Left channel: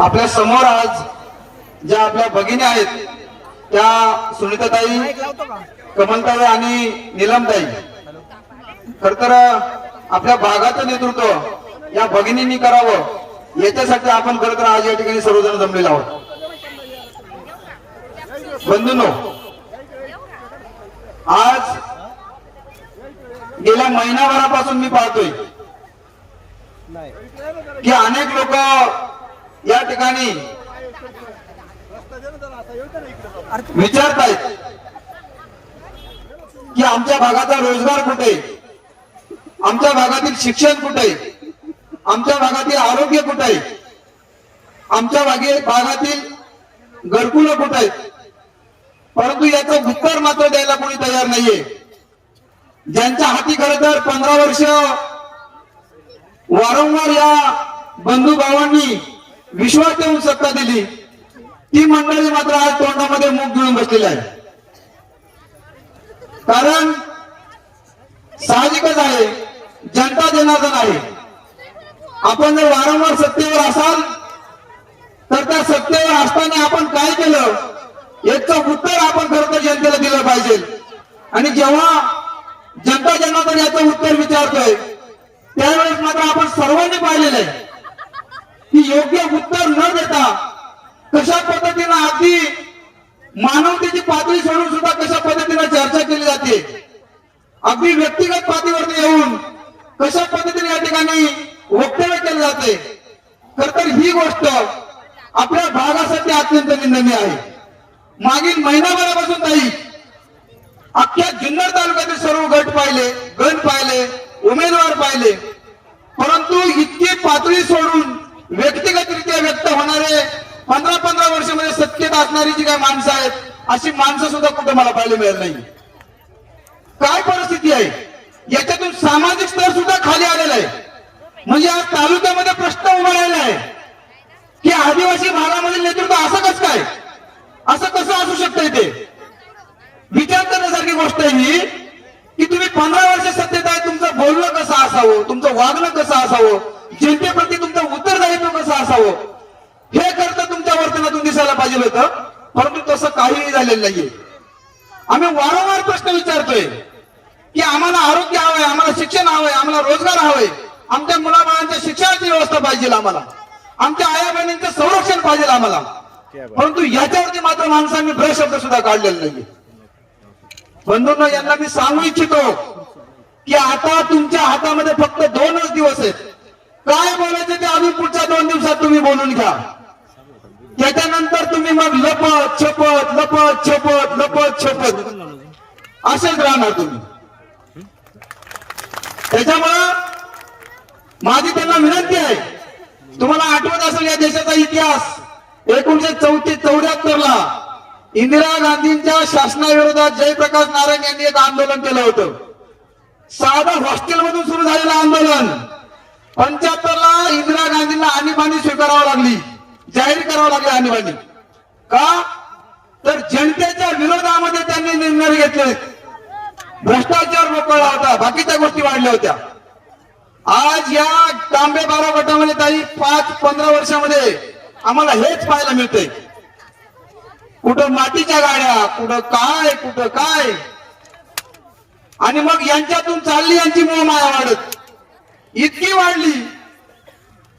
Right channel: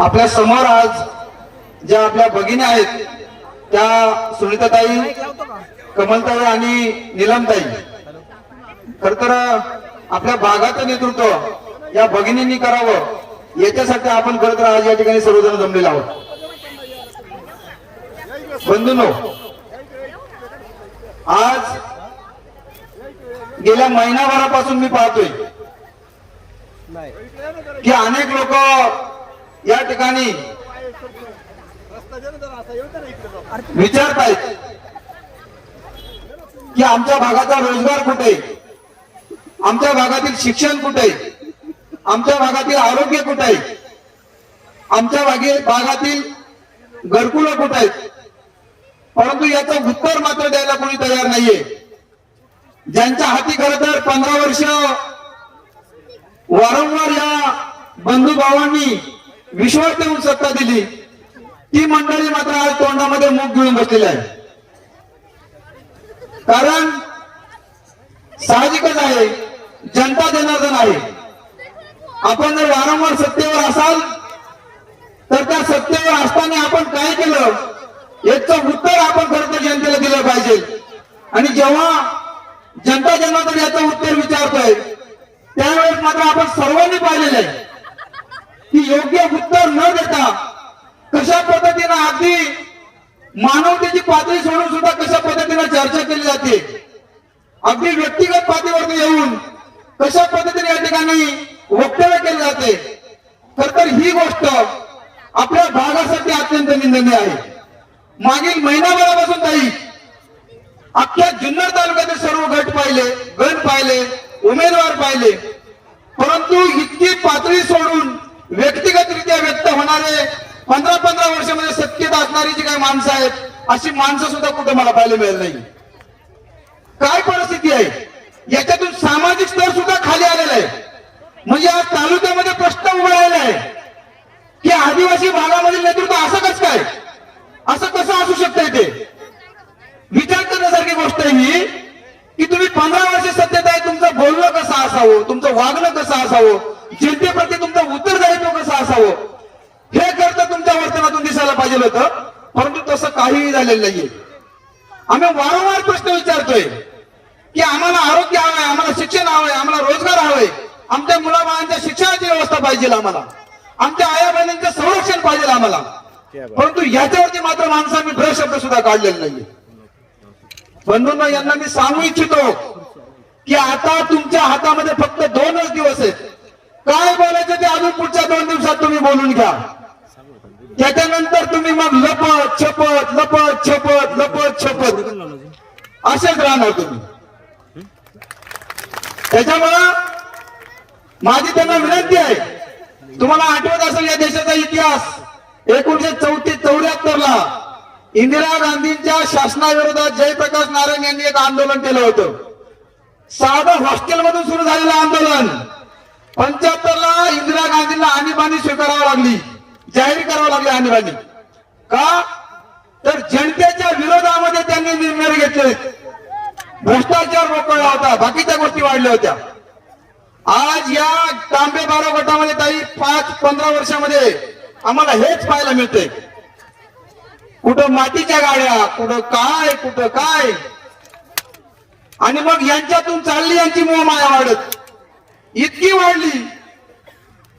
आपल्या समोर आज ज्या आपल्या भगिनी आहेत त्या सुनीताताई, कमलताई आणि नीलमताई, खर तर आपल्या भागाचं नेतृत्व या भगिनींनी करावं याच्यासाठी आपण खर तर आज या ठिकाणी सर्वजण जमलेलो आहोत. बंधूंनो, आज गेल्या महिनाभरापासून मी पाहतोय की अनेक लोक या ठिकाणी विचारतायत की आमच्या भागाचा रोजगार कुठे, आमच्या भागातील शिक्षण कुठे, आमच्या भागातील आरोग्य कुठे आहे, आमच्या भागातील घरकुलं कुठे आहेत. परंतु याचं उत्तर मात्र द्यायला कोणी तयार नाहीये. ज्यांच्या हाती खरं तर 15 वर्ष वारंवार या बंधू भावांनी विश्वास ठेवून सत्ता दिली, ती मंडळी मात्र आज तोंडामध्ये मूग गिळून बसलेली आहे. कारण साहजिकच आहे, जनता जनार्दन आहे. आपण जर वारंवार सत्तेवर असाल तर त्या सत्तेवर असताना आपण काय केलं याचं उत्तर आपण खरं तर जनतेला दिलं पाहिजे. आणि जेव्हा जनता जनार्दन याचं उत्तर विचारतोय त्यावेळेस मात्र आपण सर्वांनी पाहिलेलं आहे की योग्य उत्तर न देता कशा पद्धतीनं अगदी मानवतेची पातळी सोडून सुद्धा कशा पद्धतीनं चर्चा केली जाते, अगदी व्यक्तिगत पातळीवरती येऊन कशा पद्धतीने या ठिकाणी वक्तव्य केले जाते. खर तर ही गोष्ट आपल्या भागासाठी अत्यंत निंदनीय आहे. मागील महिनाभरापासून ताई अख्ख्या जुन्नर तालुक्यातील सर्व गट पाहिले, उमेदवार पाहिले, परंतु इतकी पातळी सोडून व्यक्तिगतरित्या व्यक्त होणारे 15 वर्षामध्ये सत्तेत असणारी जी काही माणसं आहेत अशी माणसं सुद्धा कुठे मला पाहायला मिळत नाही. काय परिस्थिती आहे, याच्यातून सामाजिक स्तर सुद्धा खाली आलेला आहे. म्हणजे आज तालुक्यामध्ये प्रश्न उभा राहिला आहे की आदिवासी भागामधील नेतृत्व असं कसं काय, असं कसं असू शकतंय. ते विचार करण्यासारखी गोष्ट आहे ही की तुम्ही 15 वर्ष सत्तेत आहे, तुमचं बोलणं कसं असावं, तुमचं वागणं कसं असावं, जनतेप्रती तुमचं उत्तरदायित्व कसं असावं हे करता तुमच्या वर्तनातून दिसायला पाहिजे होतं. परंतु तसं काहीही झालेलं नाहीये. आम्ही वारंवार प्रश्न विचारतोय की आम्हाला आरोग्य हवंय, आम्हाला शिक्षण हवंय, आम्हाला रोजगार हवंय, आमच्या मुलाबाळांच्या शिक्षणाची व्यवस्था पाहिजे आम्हाला, आमच्या आया बहिणींचं संरक्षण पाहिजे आम्हाला. परंतु याच्यावरती मात्र माणसांनी भ्रशब्द सुद्धा काढलेला नाहीये. बंधूंनो, यांना मी सांगू इच्छितो की आता तुमच्या हातामध्ये फक्त 2च दिवस आहेत. काय बोलायचं ते अजून पुढच्या 2 दिवसात तुम्ही बोलून घ्या. त्याच्यानंतर तुम्ही मग लपत छपत असेच राहणार तुम्ही. त्याच्यामुळं माझी त्यांना विनंती आहे, तुम्हाला आठवत असेल या देशाचा इतिहास 1974 ला इंदिरा गांधींच्या शासनाविरोधात जयप्रकाश नारायण यांनी एक आंदोलन केलं होतं. साधं हॉस्टेलमधून सुरू झालेलं आंदोलन 75 ला इंदिरा गांधींना आणीबाणी स्वीकारावं लागली, जाहीर करावं लागली आणीबाणी. का तर जनतेच्या विरोधामध्ये त्यांनी निर्णय घेतले. भ्रष्टाचार मोकळला होता, बाकीच्या गोष्टी वाढल्या होत्या. आज या तांबे बारा गटामध्ये ताई 5-15 वर्षामध्ये आम्हाला हेच पाहायला मिळतंय. कुठं मातीच्या गाड्या, कुठं काय. आणि मग यांच्यातून चालली यांची मोहमाया वाढत, इतकी वाढली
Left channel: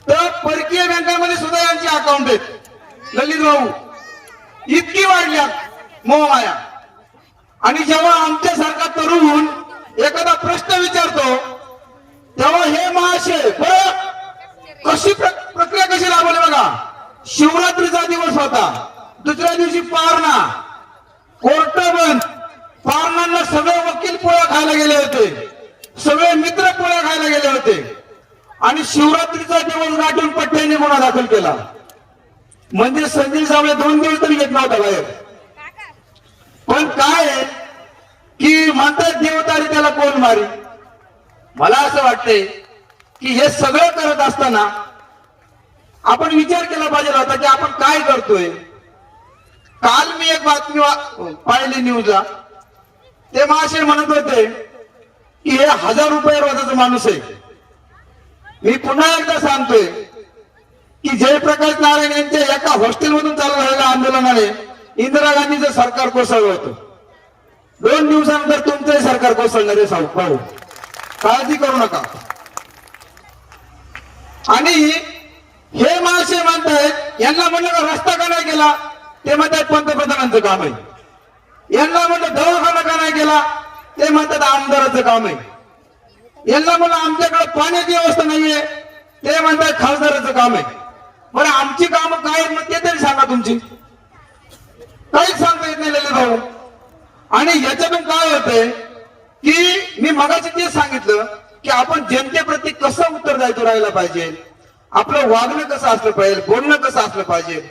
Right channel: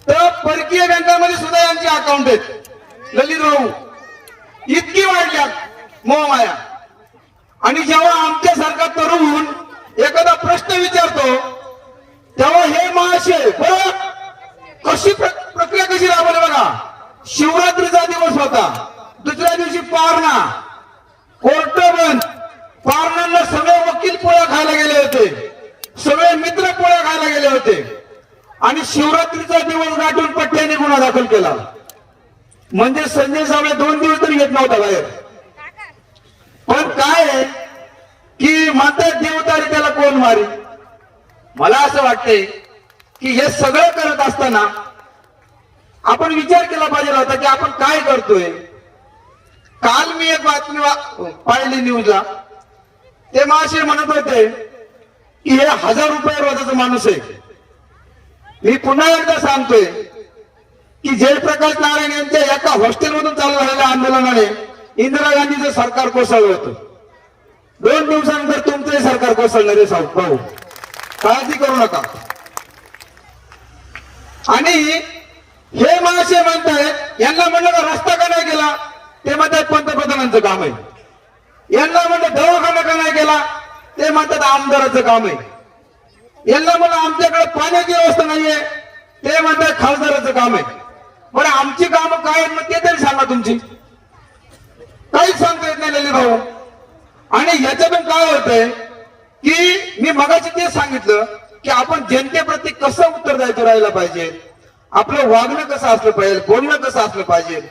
तर परकीय बँकांमध्ये सुद्धा यांची अकाउंट आहेत. ललित भाऊ, इतकी वाढल्या मोहमाया. आणि जेव्हा आमच्यासारखा तरुण एखादा प्रश्न विचारतो तेव्हा हे महाशय बरं कशी प्रक्रिया कशी राबवली बघा. शिवरात्रीचा दिवस होता, दुसऱ्या दिवशी पारणा, कोर्ट बंद, पारणांना सगळे वकील पोळ्या खायला गेले होते, सगळे मित्र पोळ्या खायला गेले होते. आणि शिवरात्रीचा दिवस गाठून पट्ट्याने गुन्हा दाखल केला. म्हणजे संजय सावळे 2 दिवस तरी येत नव्हता बाहेर. पण काय की म्हणतात देवतारी त्याला कोण मारी. मला असं वाटतंय की हे सगळं करत असताना आपण विचार केला पाहिजे होता की आपण काय करतोय. काल मी एक बातमी पाहिली न्यूजला, ते महाशय म्हणत होते की हे 1000 रुपये रोजाचा माणूस आहे. मी पुन्हा एकदा सांगतोय की जयप्रकाश नारायण यांच्या एका हॉस्टेलमधून चालू झालेल्या आंदोलनाने इंदिरा गांधीचं सरकार कोसळलं होतं. 2 दिवसानंतर तुमचंही सरकार कोसळणार आहे साहेब, भाऊ काळजी करू नका. आणि हे महाशय म्हणतायत, यांना म्हणलं का रस्ता का नाही केला, ते म्हणतात पंतप्रधानांचं काम आहे. यांना म्हणलं दवाखाना का नाही केला, ते म्हणतात आमदाराचं काम आहे. यांना म्हणलं आमच्याकडे पाण्याची व्यवस्था नाहीये, ते म्हणतात खासदाराचं काम आहे. बरं आमची कामं काय आहेत मग ते तरी सांगा तुमची. काहीच सांगता येत नाही ललित भाऊ. आणि याच्यातून काय होतंय की मी मगाशी ते सांगितलं की आपण जनतेप्रती कसं उत्तरदायित्व राहायला पाहिजे, आपलं वागणं कसं असलं पाहिजे, बोलणं कसं असलं पाहिजे.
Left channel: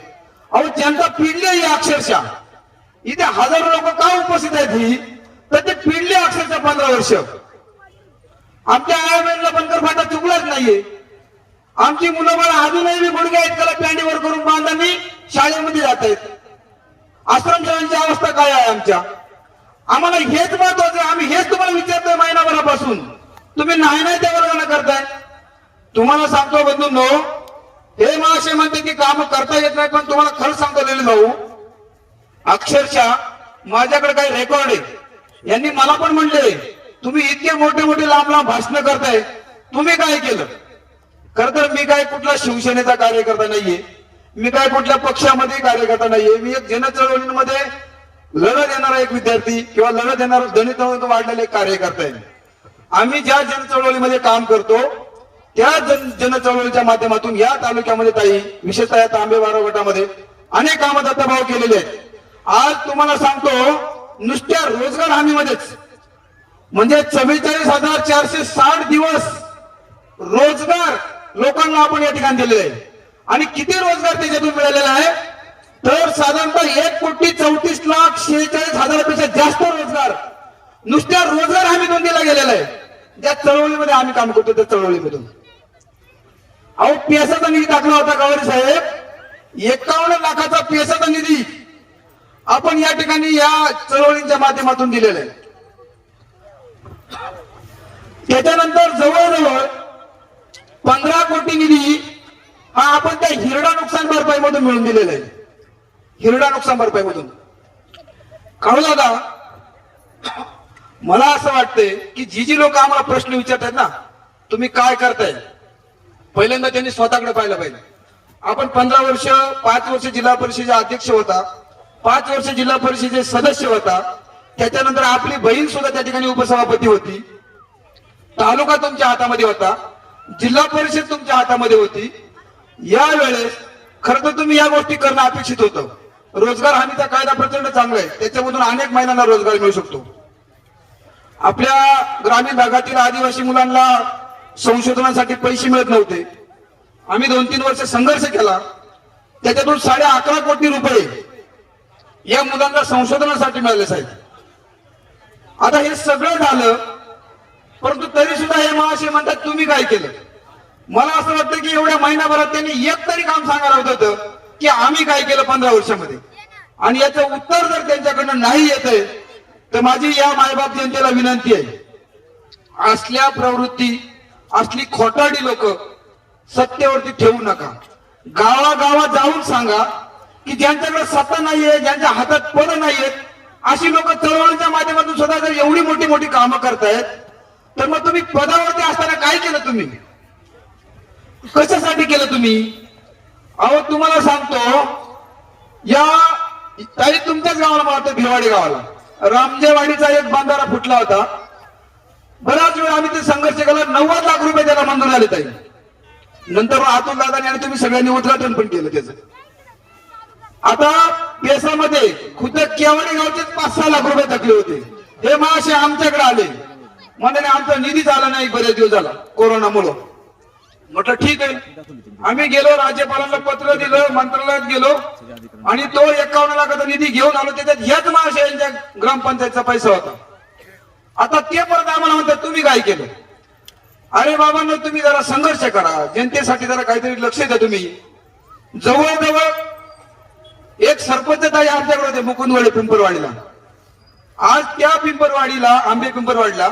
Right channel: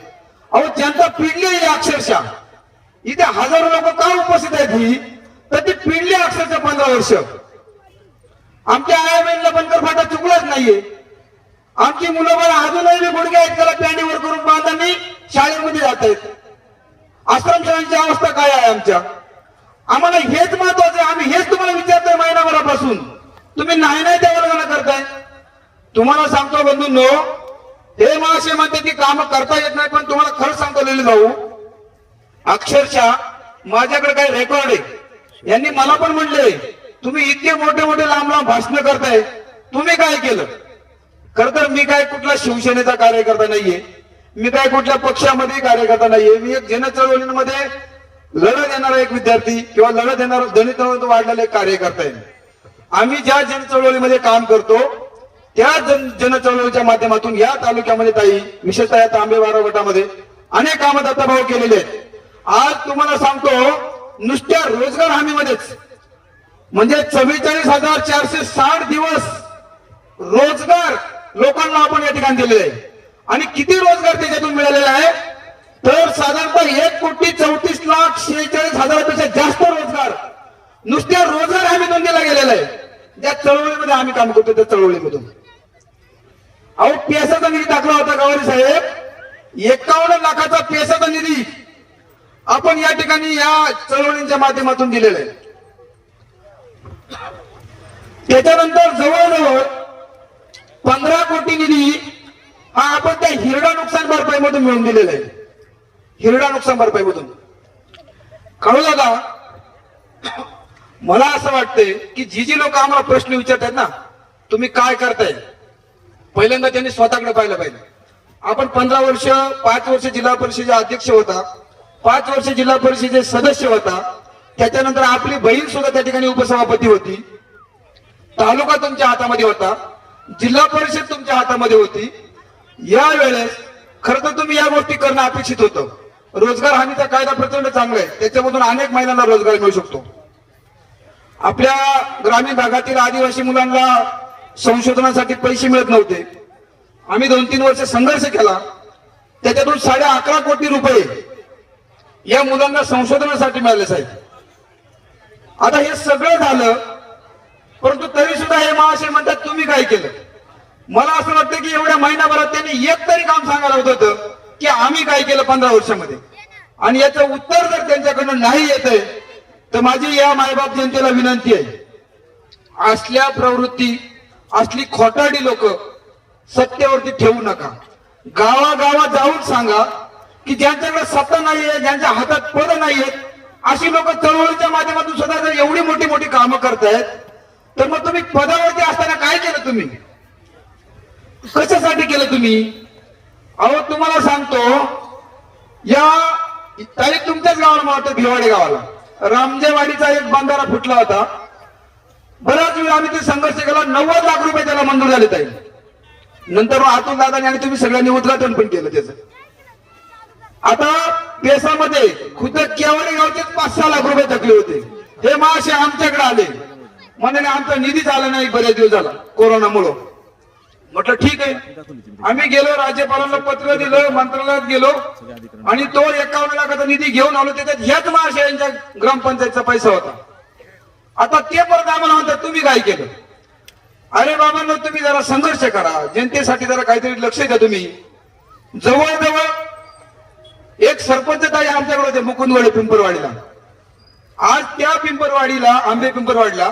अहो जनता पिडली आहे अक्षरशः. इथे हजारो लोक का उपस्थित आहेत ही, तर ते पिडले अक्षरशः 15 वर्ष. आमच्या आयाबाईंना बनकर फाटा चुकलाच नाहीये. आमची मुलं बाळ अजूनही गुडघे आहेत त्याला पॅन्टीवर करून बांधांनी शाळेमध्ये जात आहेत. आश्रमशाळांची अवस्था काय आहे आमच्या, आम्हाला हेच महत्वाचं आहे. आम्ही हेच तुम्हाला विचारतोय महिनाभरापासून, तुम्ही नाही नाही त्या वर्गाने करताय. तुम्हाला सांगतो बंधूंनो, हे महाशय म्हणते की काम करता येत नाही, पण तुम्हाला खरं सांगतो ललित भाऊ, अक्षरशः माझ्याकडे काही रेकॉर्ड आहे. यांनी मला पण म्हणले तुम्ही इतके मोठे मोठे लांब लांब भाषण करताय, तुम्ही काय केलं. खरं तर मी काय कुठला शिवसेनेचा कार्यकर्ता नाहीये, मी काय कुठल्या पक्षामध्ये कार्यकर्ता नाहीये. मी एक जनचळवळींमध्ये लढत देणारा एक विद्यार्थी किंवा लढत देणारा दलित वाढलेला एक कार्यकर्ता आहे. आम्ही ज्या जनचळवळीमध्ये काम करतो त्या जनचळवळीच्या माध्यमातून या तालुक्यामध्ये ताई, विशेषतः या तांबेवारा गटामध्ये अनेक कामं दत्ताभाऊ केलेले आहेत. आज तुम्हाला सांगतो नुसत्या रोजगार हमीमध्येच म्हणजे 44,460 दिवस रोजगार लोकांना आपण या ठिकाणी दिलेले आहे. आणि किती रोजगार त्याच्यातून मिळालेला आहे, तर साधारणतः 1,34,46,000पेक्षा जास्त रोजगार नुसत्या रोजगार हमीतून दिला गेलेला आहे. ज्या चळवळीमध्ये आम्ही काम करतो त्या चळवळीमधून. अहो पेसाचा निधी टाकला होता गवारी साहेब, 51 लाखाचा पेसाचा निधी आपण या ठिकाणी या चळवळींच्या माध्यमातून दिलेला आहे. त्याच्यानंतर जवळजवळ 15 कोटी निधी हा आपण त्या हिरडा नुकसान भरपाई मधून मिळून दिलेला आहे. हिरडा नुकसान भरपाई मधून कळलं का. मला असं वाटतंय की जी लोक आम्हाला प्रश्न विचारतात ना, तुम्ही काय करताय, पहिल्यांदा त्यांनी स्वतःकडे पाहिलं पाहिजे. आपण 15 वर्ष 5 वर्ष जिल्हा परिषदेचे अध्यक्ष होता, 5 वर्ष जिल्हा परिषदेचे सदस्य होता, त्याच्यानंतर आपली बहीण सुद्धा त्या ठिकाणी उपसभापती होती. तालुका तुमच्या हातामध्ये होता, जिल्हा परिषद तुमच्या हातामध्ये होती. यावेळेस खरं तर तुम्ही या गोष्टी करणं अपेक्षित होतं. रोजगार हमीचा कायदा प्रचंड चांगला आहे, त्याच्यामधून अनेक महिलांना रोजगार मिळू शकतो. आपल्या ग्रामीण भागातील आदिवासी मुलांना संशोधनासाठी पैसे मिळत नव्हते. आम्ही 2-3 वर्ष संघर्ष केला, त्याच्यातून 11.5 कोटी रुपये या मुलांना संशोधनासाठी मिळाले साहेब. आता हे सगळं झालं, परंतु तरी सुद्धा हे महाशय म्हणतात तुम्ही काय केलं. मला असं वाटतं की एवढ्या महिनाभरात त्यांनी एक तरी काम सांगायला होतं की आम्ही काय केलं 15 वर्षामध्ये. आणि याचं उत्तर जर त्यांच्याकडनं नाही येत आहे तर माझी या मायबाप जनतेला विनंती आहे, असल्या प्रवृत्ती, असली खोटारडी लोक सत्तेवरती ठेवू नका. गावागावात जाऊन सांगा की ज्यांच्याकडे सत्ता नाहीये, ज्यांच्या हातात पद नाहीयेत, अशी लोक चळवळीच्या माध्यमातून सुद्धा जर एवढी मोठी मोठी कामं करतायत, तर मग तुम्ही पदावरती असताना काय केलं, तुम्ही कशासाठी केलं तुम्ही. अहो तुम्हाला सांगतो, या ताई तुमच्याच गावाला मला वाटतं भिवाडी गावाला रामजेवाडीचा एक बंधारा फुटला होता. बराच वेळ आम्ही ते संघर्ष केला, 90 लाख रुपये त्याला मंजूर झाले ताई. नंतर अतुल दादाने आणि तुम्ही सगळ्यांनी उद्घाटन पण केलं त्याचं. आता पेसामध्ये खुद्द केवळे गावचे 5-6 लाख रुपये थकले होते. हे महाशय आमच्याकडे आले, म्हणाले आमचा निधी झाला नाही बरेच दिवस झाला कोरोनामुळे. म्हटलं ठीक आहे. आम्ही गेलो, राज्यपालांना पत्र दिलं, मंत्रालयात गेलो आणि तो 51 लाखाचा निधी घेऊन आलो. त्याच्यात ह्याच महाशयांच्या ग्रामपंचायतचा पैसा होता. आता ते परत आम्हाला म्हणतात तुम्ही काय केलं. अरे बाबांनो, तुम्ही जरा संघर्ष करा, जनतेसाठी जरा काहीतरी लक्ष द्या. तुम्ही जवळजवळ एक सरपंच ताई आमच्याकडे होते मुकुंदवाडी पिंपरवाडीला. आज त्या पिंपरवाडीला, आंबे पिंपरवाडीला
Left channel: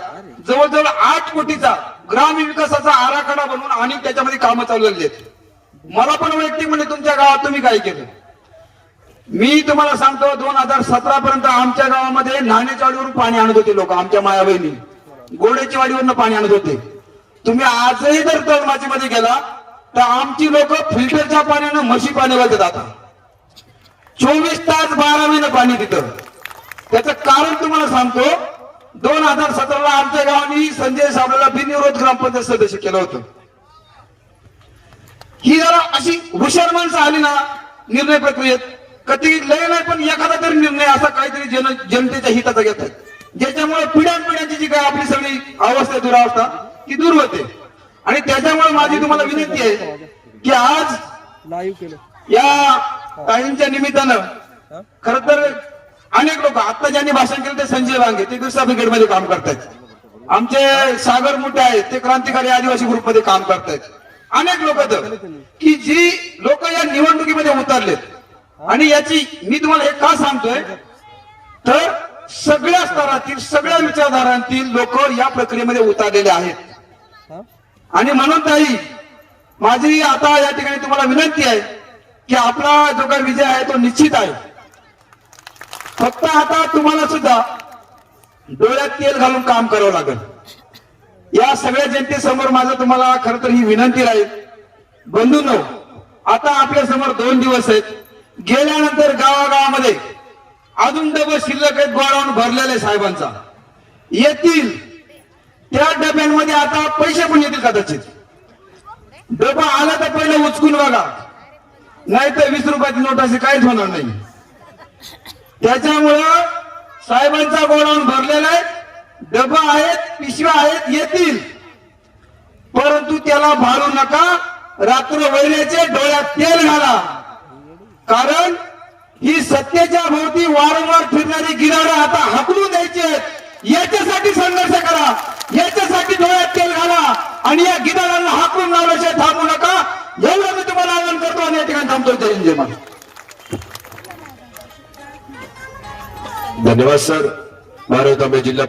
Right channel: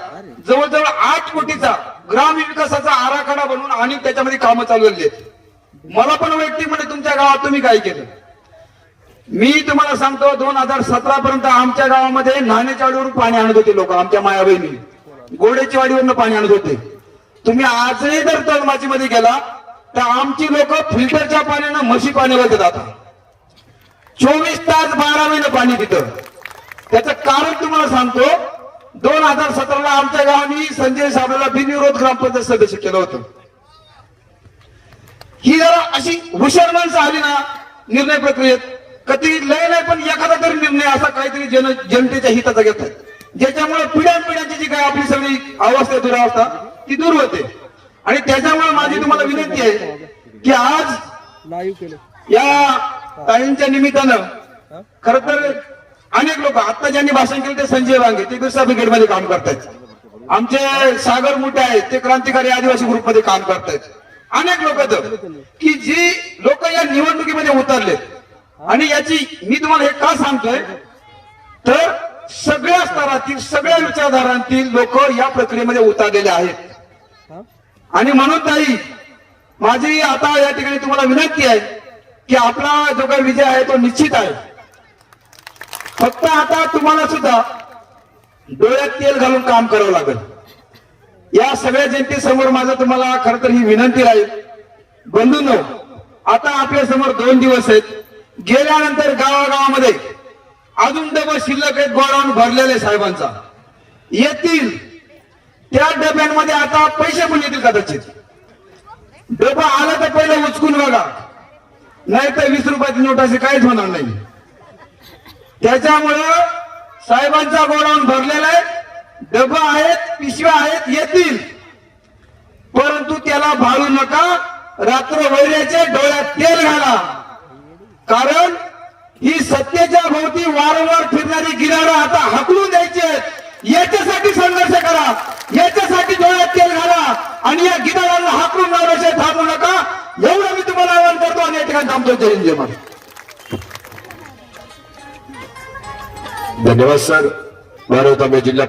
जवळजवळ 8 कोटीचा ग्राम विकासाचा आराखडा बनवून आणि त्याच्यामध्ये कामं चालू झाली आहेत. मला पण वैयक्तिक म्हणजे तुमच्या गावात तुम्ही काय केलं. मी तुम्हाला सांगतो 2017 पर्यंत आमच्या गावामध्ये नाण्याच्या वाडीवरून पाणी आणत होते लोक. आमच्या माया बहिणी गोड्याची वाडीवरून पाणी आणत होते. तुम्ही आजही जर तळमाचीमध्ये गेला तर आमची लोक फिल्टरच्या पाण्यानं म्हशी पाणी वाजत आता 24 तास 12 महिने पाणी तिथं. त्याचं कारण तुम्हाला सांगतो 2017ला आमच्या गावाने संजय साबळेला बिनविरोध ग्रामपंचायत सदस्य केलं होतं. ही जरा अशी हुशार माणसं आली ना निर्णय प्रक्रियेत कधी लय नाही पण एखादा तरी निर्णय असा काहीतरी जनतेच्या हिताचा घेतात ज्याच्यामुळे पिढ्यानपिढ्यांची जी काय आपली सगळी अवस्था दुरावस्था ती दूर होते. आणि त्याच्यामुळे माझी तुम्हाला विनंती आहे की आज या ताईंच्या निमित्तानं खर तर अनेक लोक आता ज्यांनी भाषण केलं ते संजय वांगे ते बिरसा ब्रिगेडमध्ये काम करतायत. आमचे सागर मोठे आहेत ते क्रांतिकारी आदिवासी ग्रुपमध्ये काम करतायत. अनेक लोक की जी लोक या निवडणुकीमध्ये उतरलेत. आणि याची मी तुम्हाला हे का सांगतोय तर सगळ्या स्तरातील सगळ्या विचारधारांतील लोक या प्रक्रियेमध्ये उतरलेले आहेत. आणि म्हणून ताई माझी आता या ठिकाणी तुम्हाला विनंती आहे की आपला जो काही विजय आहे तो निश्चित आहे. फक्त आता तुम्हाला सुद्धा डोळ्यात तेल घालून काम करावं लागेल. या सगळ्या जनतेसमोर माझं तुम्हाला खरं तर ही विनंती राहील. बंधूंनो आता आपल्या समोर 2 दिवस आहेत. गेल्यानंतर गावागावामध्ये अजून डबे शिल्लक आहेत गोडाऊन भरलेले साहेबांचा येतील. त्या डब्यांमध्ये आता पैसे पण येतील कदाचित. डबा आला तर पहिलं उचकून बघा नाही तर 20 रुपयाची नोट अशी काहीच होणार नाही. त्याच्यामुळं साहेबांचा गोडाऊन भरलेला आहे. डबा आहेत पिशव्या आहेत येतील परंतु त्याला भाळू नका. रात्र वैऱ्याचे डोळ्यात तेल घाला. कारण ही सत्तेच्या भोवती वारंवार फिरणारी गिरारं आता हाकलून द्यायची आहेत. याच्यासाठी संघर्ष करा. याच्यासाठी डोळ्यात तेल घाला आणि या गिरारांना हाकलून लावल्याशिवाय थांबू नका. एवढं मी तुम्हाला आवाहन करतो आणि या ठिकाणी थांबतो. जय हिंद जय महाराष्ट्र. धन्यवाद सर. बारामती जिल्हा